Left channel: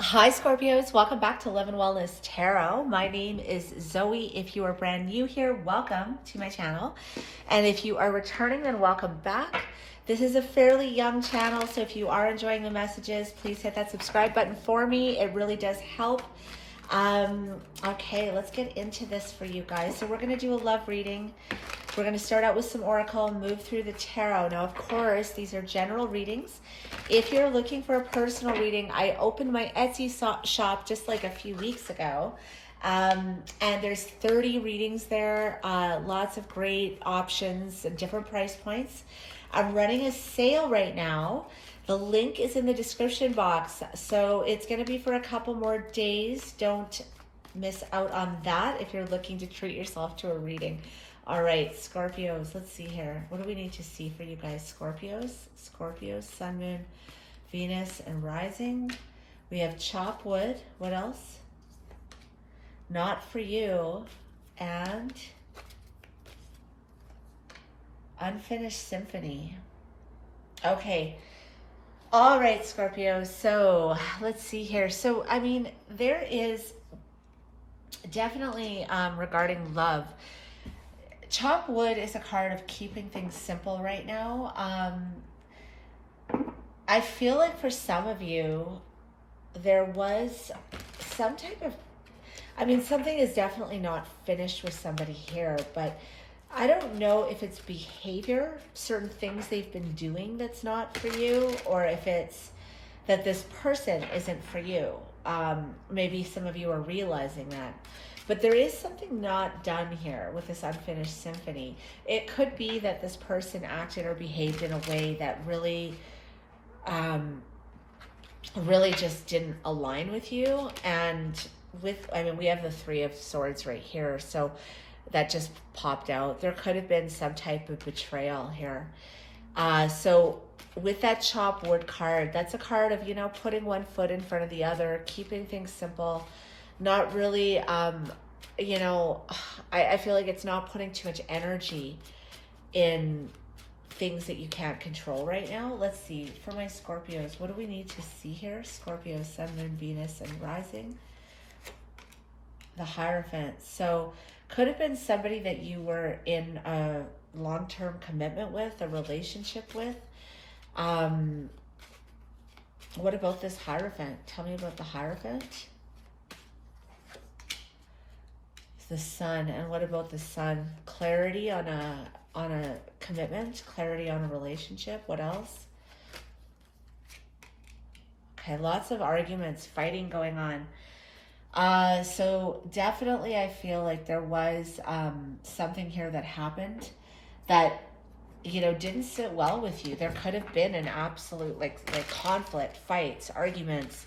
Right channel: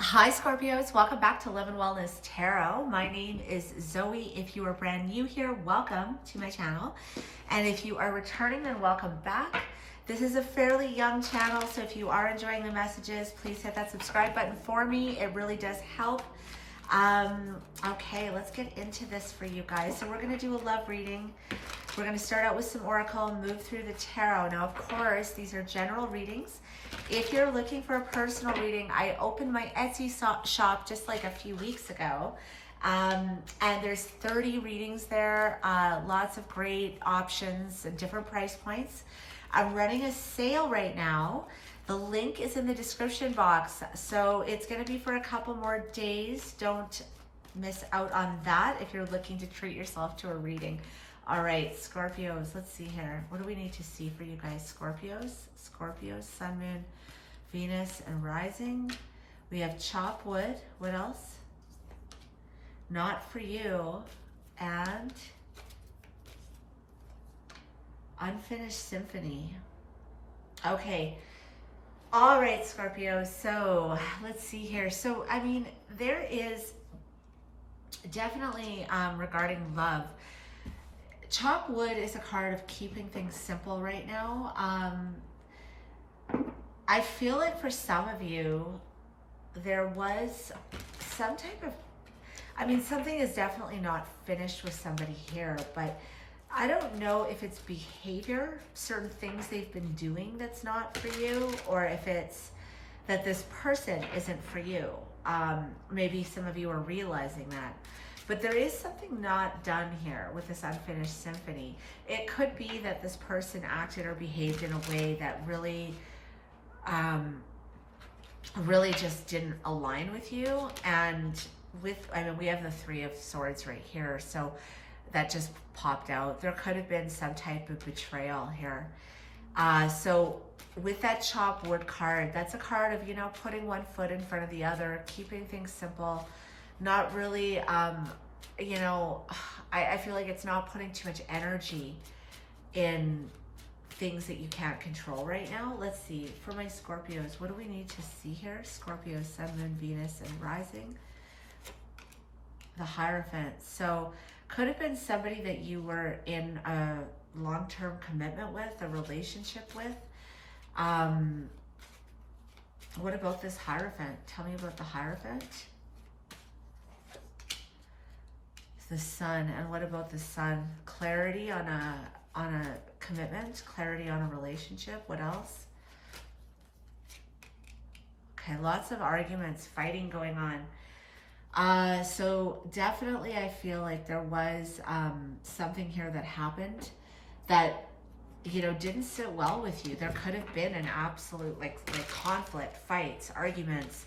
Hi Scorpios, welcome back to Love and Wellness Tarot. My name is Zoe. If you are brand new here, welcome to my channel. And if you are returning, then welcome back. This is a fairly young channel, so if you are enjoying the messages, please hit that subscribe button for me. It really does help. Okay, let's get into this for you guys. So we're going to do a love reading. We're going to start out with some oracle, move through the tarot. Now, of course, these are general readings. If you're looking for a personal reading, I opened my Etsy shop just like a few weeks ago. And there's 30 readings there, lots of great options and different price points. I'm running a sale right now. The link is in the description box, so it's going to be for a couple more days. Don't miss out on that if you're looking to treat yourself to a reading. All right, Scorpios, let's see here. What do we need to see for you guys? Scorpios, Sun, Moon, Venus, and Rising. We have chop wood. What else? Not for you. And unfinished symphony. Okay. All right, Scorpio. So let's see here. So, I mean, there is definitely regarding love. Chop wood is a card of keeping things simple right now. I feel like for some of you, there was some type of, I mean, something is definitely not finished with somebody here, but I don't know if it's behavior, certain things they've been doing that's not for you, or if it's that this person isn't for you. Maybe some of you are realizing that. But there is something not done here with this unfinished symphony. It could be that this person acted or behaved in a way that really, really just didn't align with you. And I mean, we have the Three of Swords right here. So that just popped out. There could have been some type of betrayal here. So with that chop wood card, that's a card of, you know, putting one foot in front of the other, keeping things simple, not really, you know, I feel like it's not putting too much energy in things that you can't control right now. Let's see, for my Scorpios, what do we need to see here? Scorpio, Sun, Moon, Venus, and Rising. The Hierophant. So could have been somebody that you were in a long-term commitment with, a relationship with. What about this Hierophant? Tell me about the Hierophant. The Sun. And what about the Sun? Clarity on a commitment, clarity on a relationship. What else? Okay, lots of arguments, fighting going on. So definitely I feel like there was something here that happened that, you know, didn't sit well with you. There could have been an absolute like conflict, fights, arguments.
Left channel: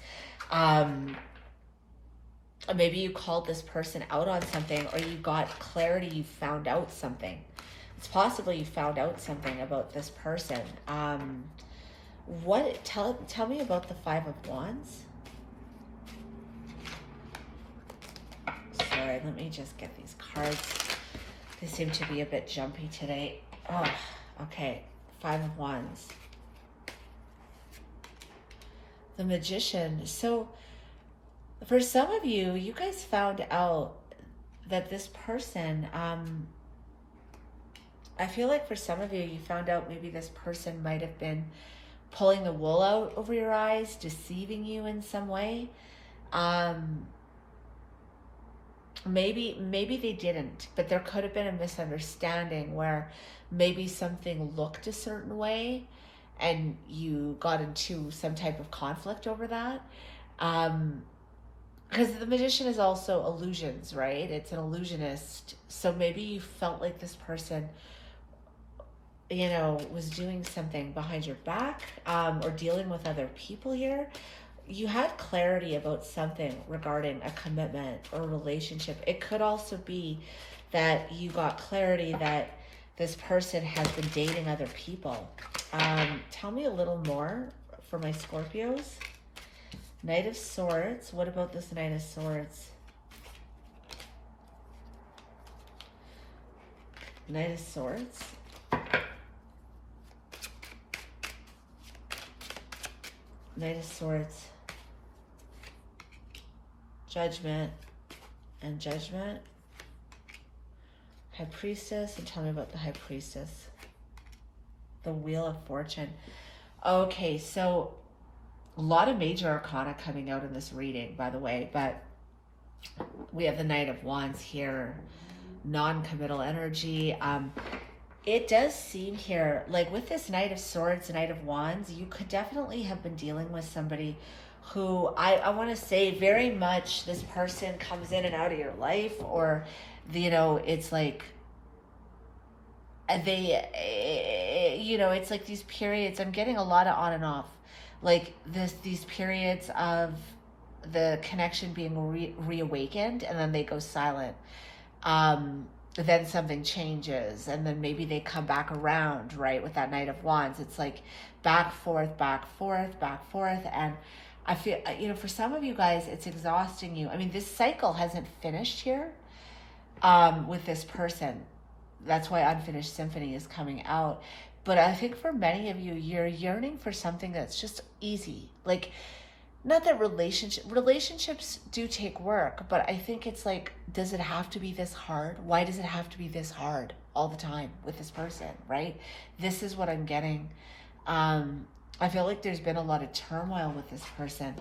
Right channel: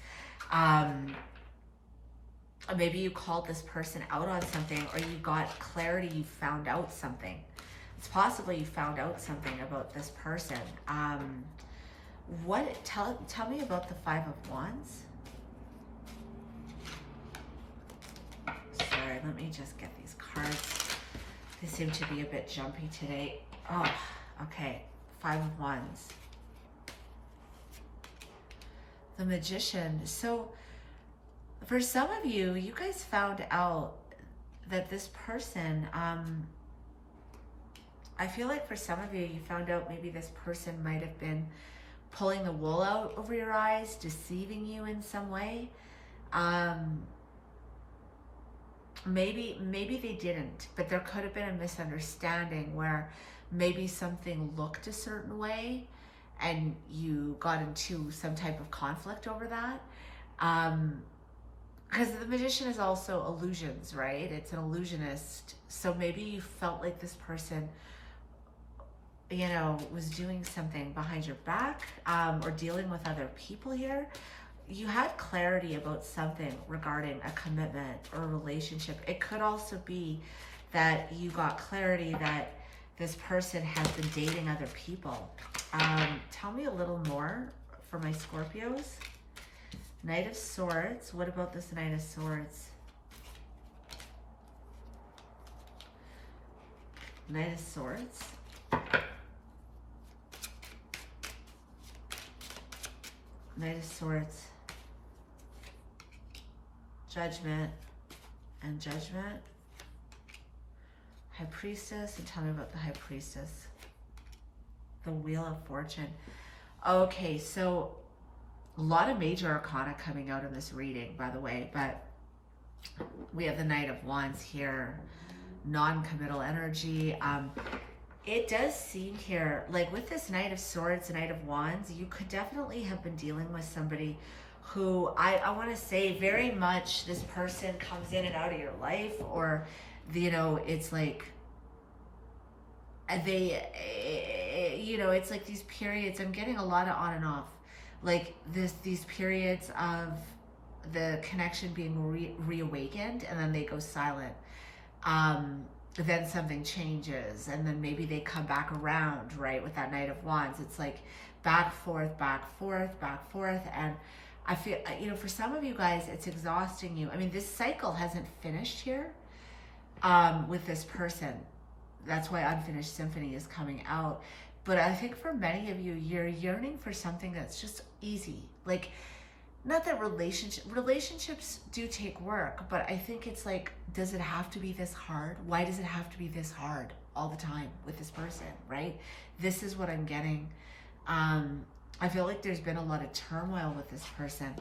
Maybe you called this person out on something, or you got clarity, you found out something. It's possible you found out something about this person. Tell me about the Five of Wands. Sorry, let me just get these cards. They seem to be a bit jumpy today. Oh, okay. Five of Wands. The Magician. So for some of you, you guys found out that this person, I feel like for some of you, you found out maybe this person might have been pulling the wool out over your eyes, deceiving you in some way. Maybe they didn't, but there could have been a misunderstanding where maybe something looked a certain way and you got into some type of conflict over that. Because the Magician is also illusions, right? It's an illusionist. So maybe you felt like this person, you know, was doing something behind your back, or dealing with other people here. You had clarity about something regarding a commitment or a relationship. It could also be that you got clarity that this person has been dating other people. Tell me a little more for my Scorpios. Knight of Swords. What about this Knight of Swords? Knight of Swords. Knight of Swords. Judgment and Judgment. High Priestess, and tell me about the High Priestess. The Wheel of Fortune. Okay, so a lot of major arcana coming out in this reading, by the way, but we have the Knight of Wands here, non-committal energy. It does seem here, like with this Knight of Swords, Knight of Wands, you could definitely have been dealing with somebody who I want to say very much this person comes in and out of your life, or, you know, it's like they, you know, it's like these periods, I'm getting a lot of on and off, like these periods of the connection being reawakened, and then they go silent. Then something changes, and then maybe they come back around, right? With that Knight of Wands, it's like back, forth, back, forth, back, forth. And I feel, you know, for some of you guys, it's exhausting you. I mean, this cycle hasn't finished here with this person. That's why Unfinished Symphony is coming out. But I think for many of you, you're yearning for something that's just easy. Like, not that relationships do take work, but I think it's like, does it have to be this hard? Why does it have to be this hard all the time with this person, right? This is what I'm getting. I feel like there's been a lot of turmoil with this person,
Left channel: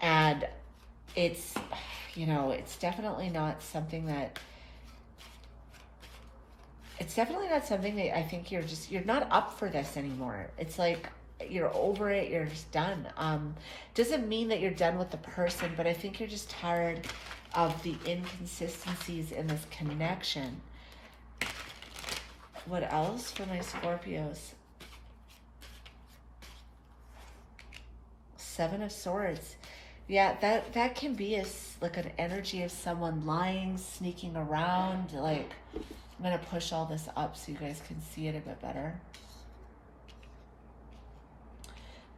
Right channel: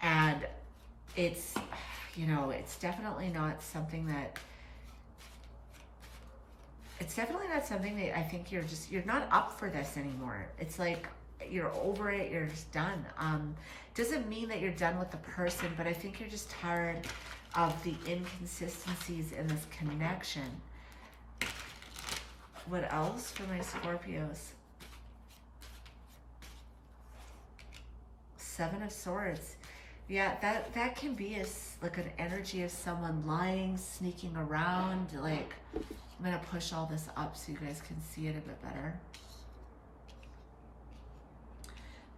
and it's, you know, it's definitely not something that, I think you're not up for this anymore. It's like, you're over it, you're just done. Doesn't mean that you're done with the person, but I think you're just tired of the inconsistencies in this connection. What else for my Scorpios? Seven of Swords. Yeah, that can be like an energy of someone lying, sneaking around. Like, I'm gonna push all this up so you guys can see it a bit better.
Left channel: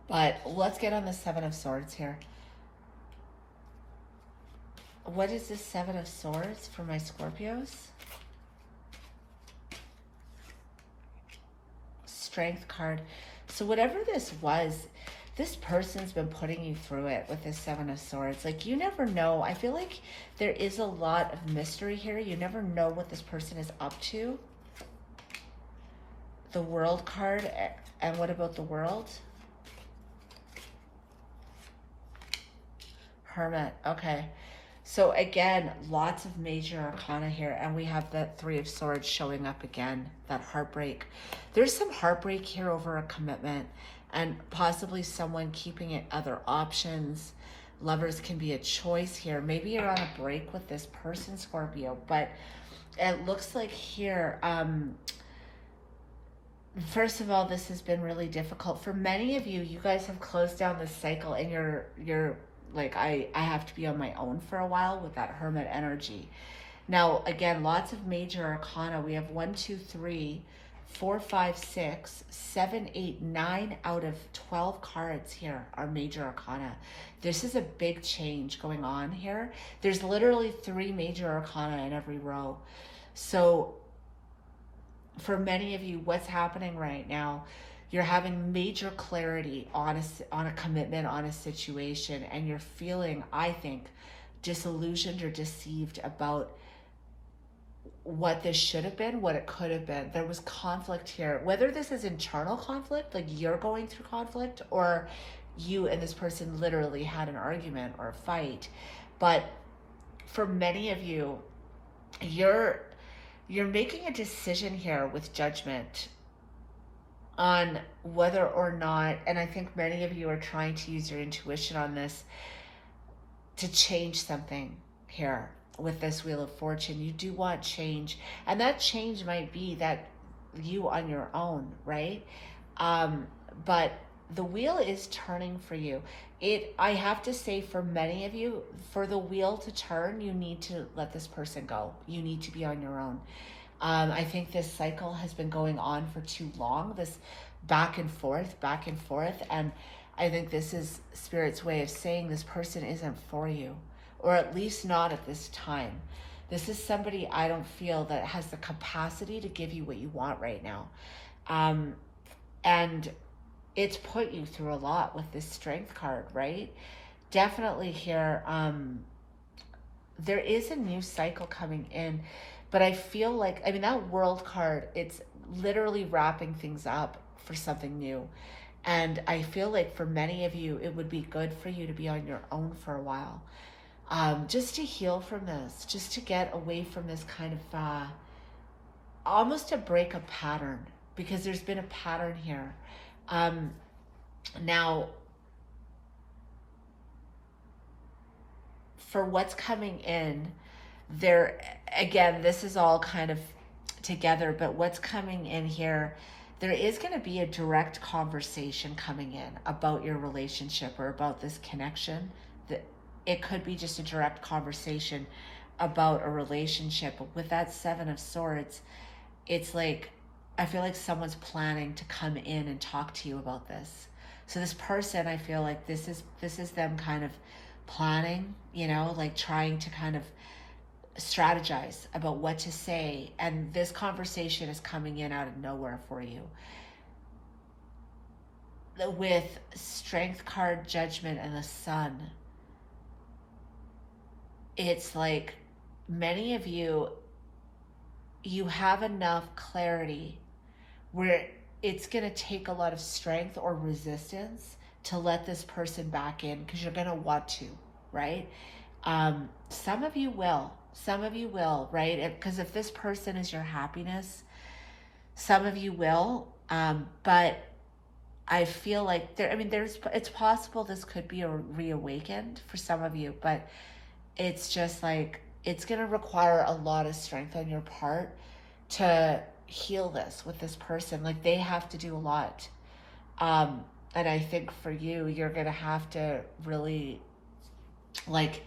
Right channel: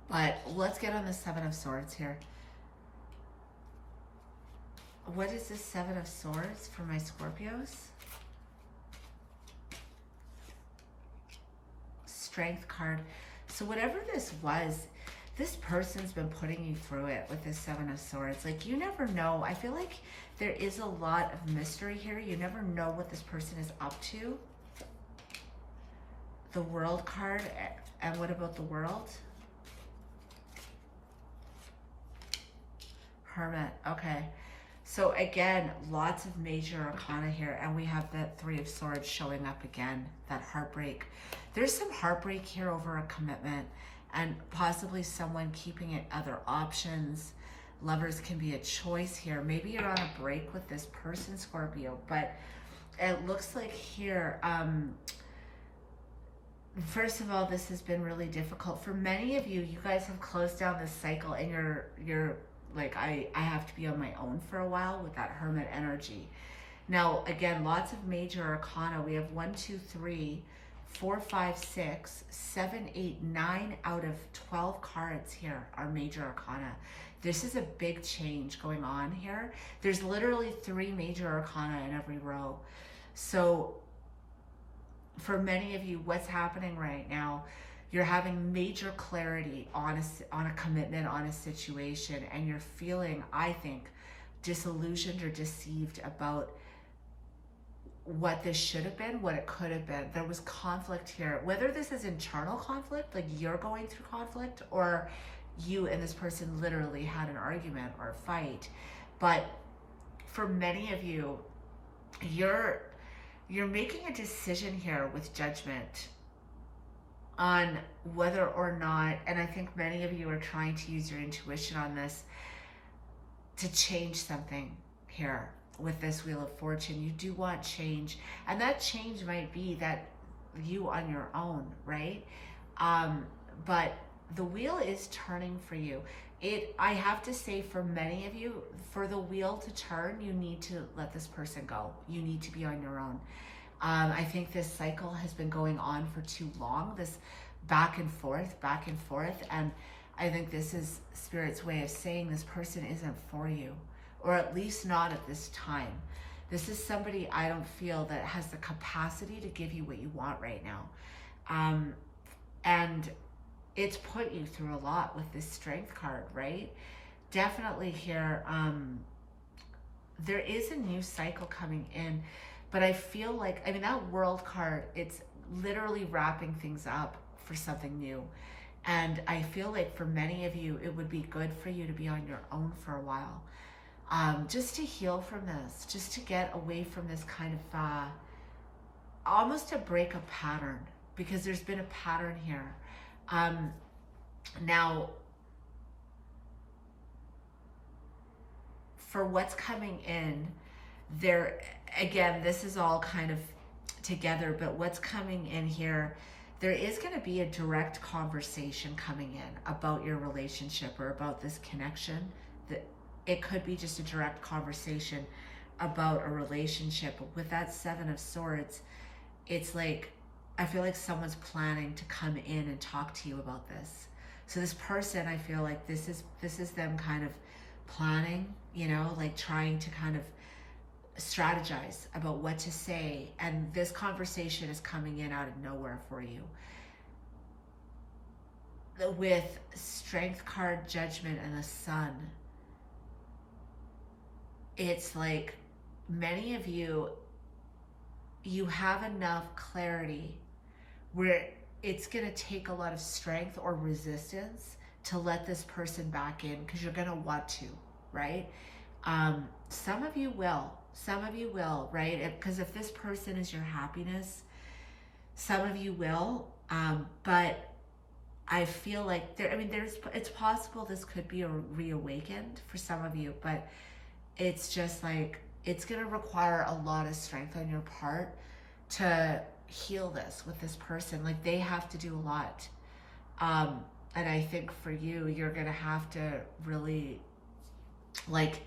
But let's get on the Seven of Swords here. What is this Seven of Swords for my Scorpios? Strength card. So whatever this was, this person's been putting you through it with this Seven of Swords. Like, you never know. I feel like there is a lot of mystery here. You never know what this person is up to. The World card. And what about the World? Hermit. Okay. So again, lots of major arcana here, and we have the Three of Swords showing up again, that heartbreak. There's some heartbreak here over a commitment, and possibly someone keeping it other options. Lovers can be a choice here. Maybe you're on a break with this person, Scorpio, but it looks like here, first of all, this has been really difficult. For many of you, you guys have closed down this cycle, and you're like, I have to be on my own for a while with that Hermit energy. Now, again, lots of major arcana. We have 1, 2, 3, 4, 5, 6, 7, 8, 9 out of 12 cards here are major arcana. This is a big change going on here. There's literally 3 major arcana in every row. So for many of you, what's happening right now, you're having major clarity on a commitment, on a situation, and you're feeling, I think, disillusioned or deceived about what this should have been, what it could have been. There was conflict here, whether this is internal conflict, like you're going through conflict, or you and this person literally had an argument or a fight. But for many of you, you're making a decision here with judgment on whether or not, and I think many of you are trying to use your intuition on this to change something here with this Wheel of Fortune. You do want change, and that change might be that you on your own, right? But the wheel is turning for you. I have to say, for many of you, for the wheel to turn, you need to let this person go. You need to be on your own. I think this cycle has been going on for too long, this back and forth, and I think this is Spirit's way of saying this person isn't for you, or at least not at this time. This is somebody I don't feel that has the capacity to give you what you want right now. And it's put you through a lot with this Strength card, right? Definitely here, there is a new cycle coming in, but I feel like, I mean, that World card, it's literally wrapping things up for something new. And I feel like for many of you, it would be good for you to be on your own for a while. Just to heal from this, just to get away from this kind of, almost to break a pattern, because there's been a pattern here. Now, for what's coming in, there, again, this is all kind of together, but what's coming in here, there is going to be a direct conversation coming in about your relationship or about this connection. That it could be just a direct conversation about a relationship. But with that Seven of Swords, it's like, I feel like someone's planning to come in and talk to you about this. So this person, I feel like this is them kind of planning, you know, like trying to kind of strategize about what to say, and this conversation is coming in out of nowhere for you. With Strength card, Judgment, and the Sun, it's like many of you have enough clarity where it's going to take a lot of strength or resistance to let this person back in, because you're going to want to, right? Some of you will, right? Because if this person is your happiness, some of you will, but I feel like it's possible this could be reawakened for some of you, but it's just like, it's going to require a lot of strength on your part to heal this with this person. Like, they have to do a lot. And I think for you, you're going to have to really, like,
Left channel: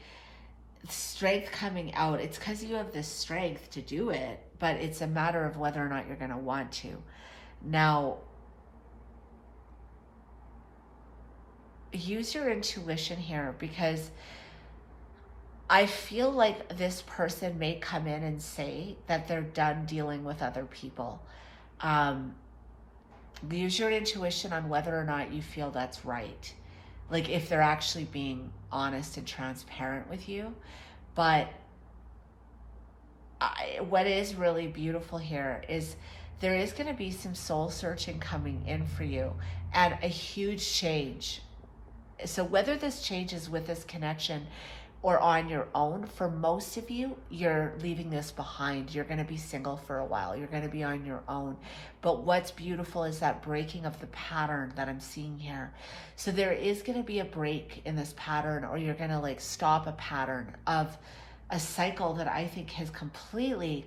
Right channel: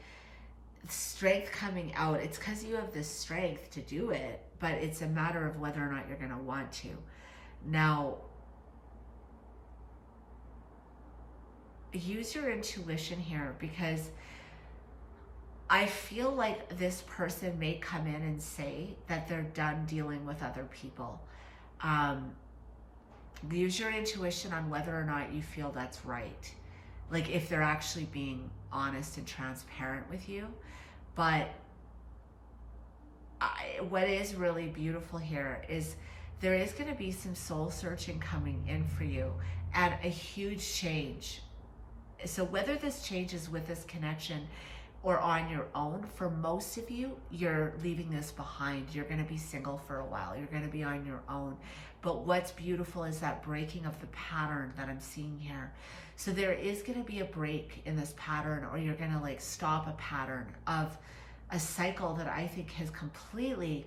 strength coming out. It's because you have this strength to do it, but it's a matter of whether or not you're going to want to. Now, use your intuition here, because I feel like this person may come in and say that they're done dealing with other people. Use your intuition on whether or not you feel that's right. Like, if they're actually being honest and transparent with you. But what is really beautiful here is there is going to be some soul searching coming in for you, and a huge change. So whether this changes with this connection or on your own, for most of you, you're leaving this behind. You're going to be single for a while. You're going to be on your own. But what's beautiful is that breaking of the pattern that I'm seeing here. So there is going to be a break in this pattern, or you're going to like stop a pattern of a cycle that I think has completely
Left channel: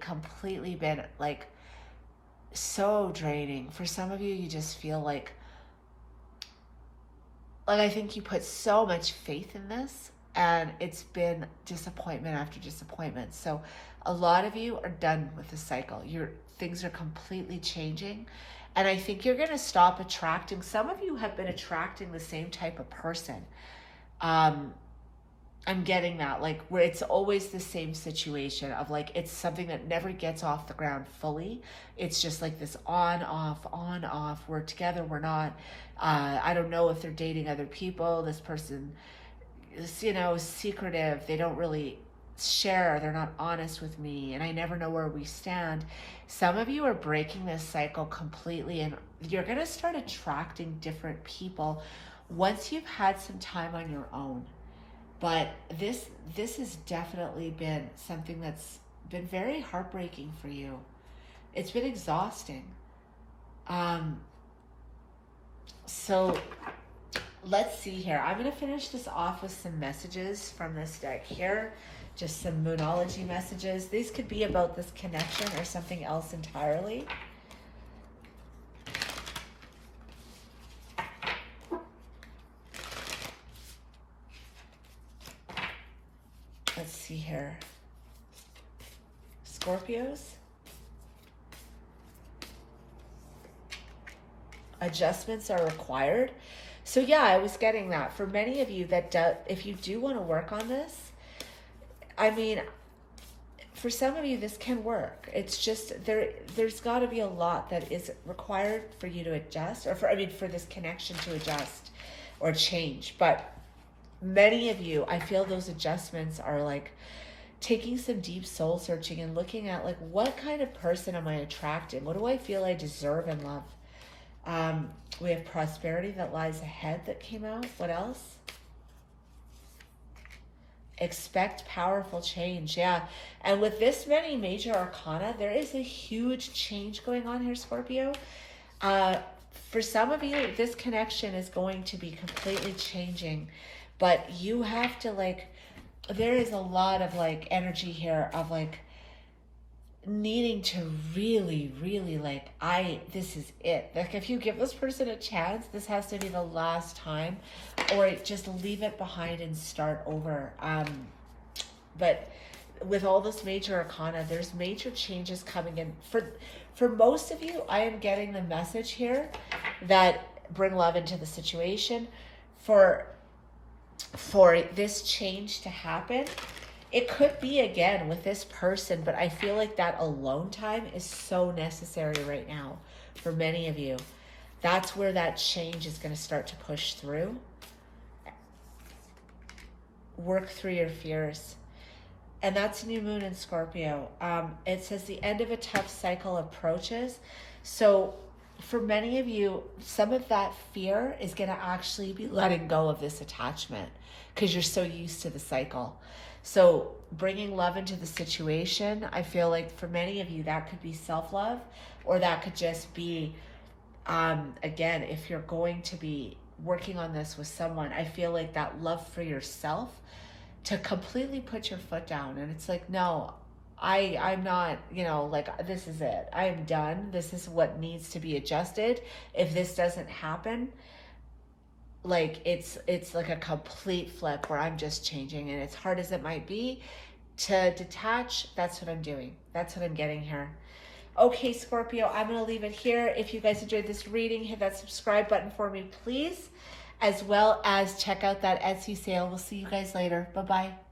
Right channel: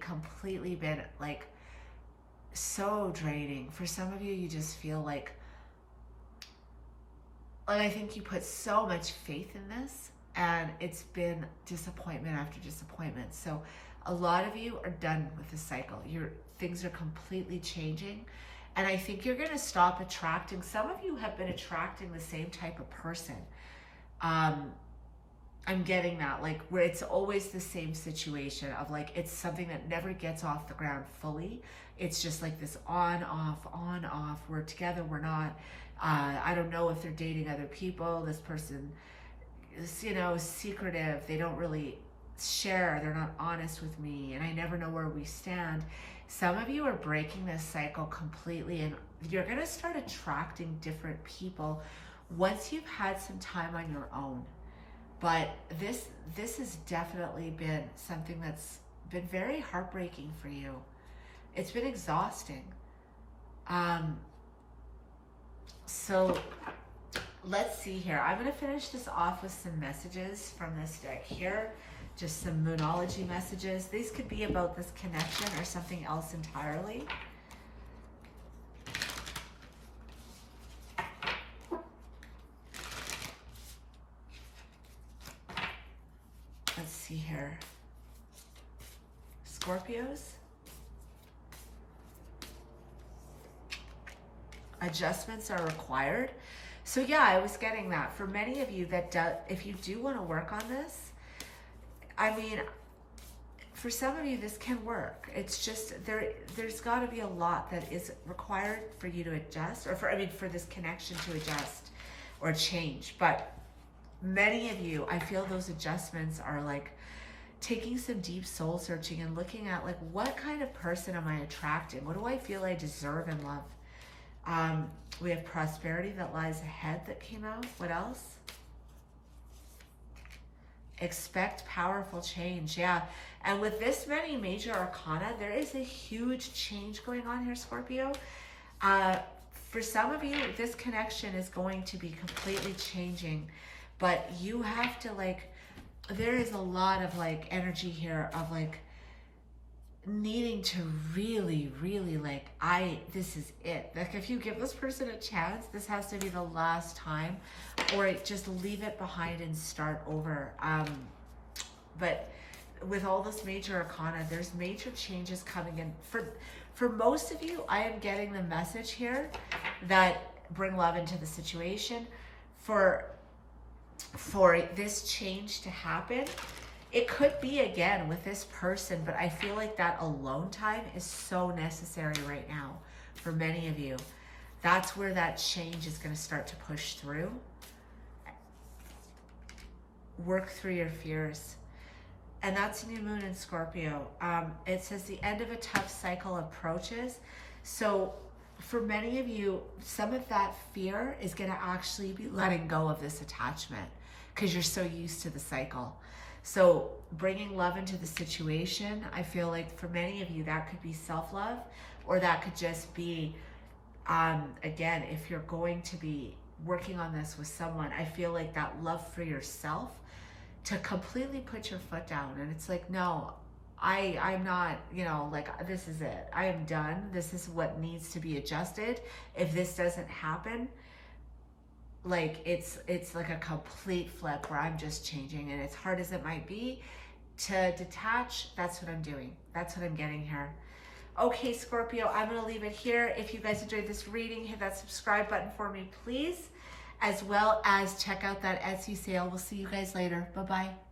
been like so draining. For some of you, you just feel like I think you put so much faith in this, and it's been disappointment after disappointment. So a lot of you are done with the cycle. Things are completely changing. And I think you're going to stop attracting. Some of you have been attracting the same type of person. I'm getting that, like, where it's always the same situation of like, it's something that never gets off the ground fully. It's just like this on, off. We're together, we're not. I don't know if they're dating other people. This person is, you know, secretive. They don't really share. They're not honest with me, and I never know where we stand. Some of you are breaking this cycle completely, and you're going to start attracting different people once you've had some time on your own. But this has definitely been something that's been very heartbreaking for you. It's been exhausting. So let's see here. I'm going to finish this off with some messages from this deck here. Just some Moonology messages. These could be about this connection or something else entirely. Let's see here. Scorpios. Adjustments are required. So yeah, I was getting that. For many of you that if you do want to work on this, I mean, for some of you, this can work. It's just, there's got to be a lot that is required for you to adjust, or for this connection to adjust or change. But many of you, I feel those adjustments are like, taking some deep soul searching and looking at like, what kind of person am I attracting? What do I feel I deserve in love? We have prosperity that lies ahead that came out. What else? Expect powerful change. Yeah. And with this many major arcana, there is a huge change going on here, Scorpio. For some of you, this connection is going to be completely changing, but you have to like, there is a lot of like energy here of like needing to really, really like, this is it. Like if you give this person a chance, this has to be the last time, or just leave it behind and start over. But with all this major arcana, there's major changes coming in. For most of you, I am getting the message here that bring love into the situation. For this change to happen, it could be again with this person, but I feel like that alone time is so necessary right now for many of you. That's where that change is going to start to push through. Work through your fears. And that's new moon in Scorpio. It says the end of a tough cycle approaches. So for many of you, some of that fear is going to actually be letting go of this attachment because you're so used to the cycle. So bringing love into the situation, I feel like for many of you, that could be self-love, or that could just be, again, if you're going to be working on this with someone, I feel like that love for yourself to completely put your foot down. And it's like, no, I'm not, you know, like, this is it. I am done. This is what needs to be adjusted. If this doesn't happen, like it's like a complete flip where I'm just changing. And as hard as it might be to detach, that's what I'm doing. That's what I'm getting here. Okay, Scorpio, I'm going to leave it here. If you guys enjoyed this reading, hit that subscribe button for me, please, as well as check out that Etsy sale. We'll see you guys later. Bye-bye.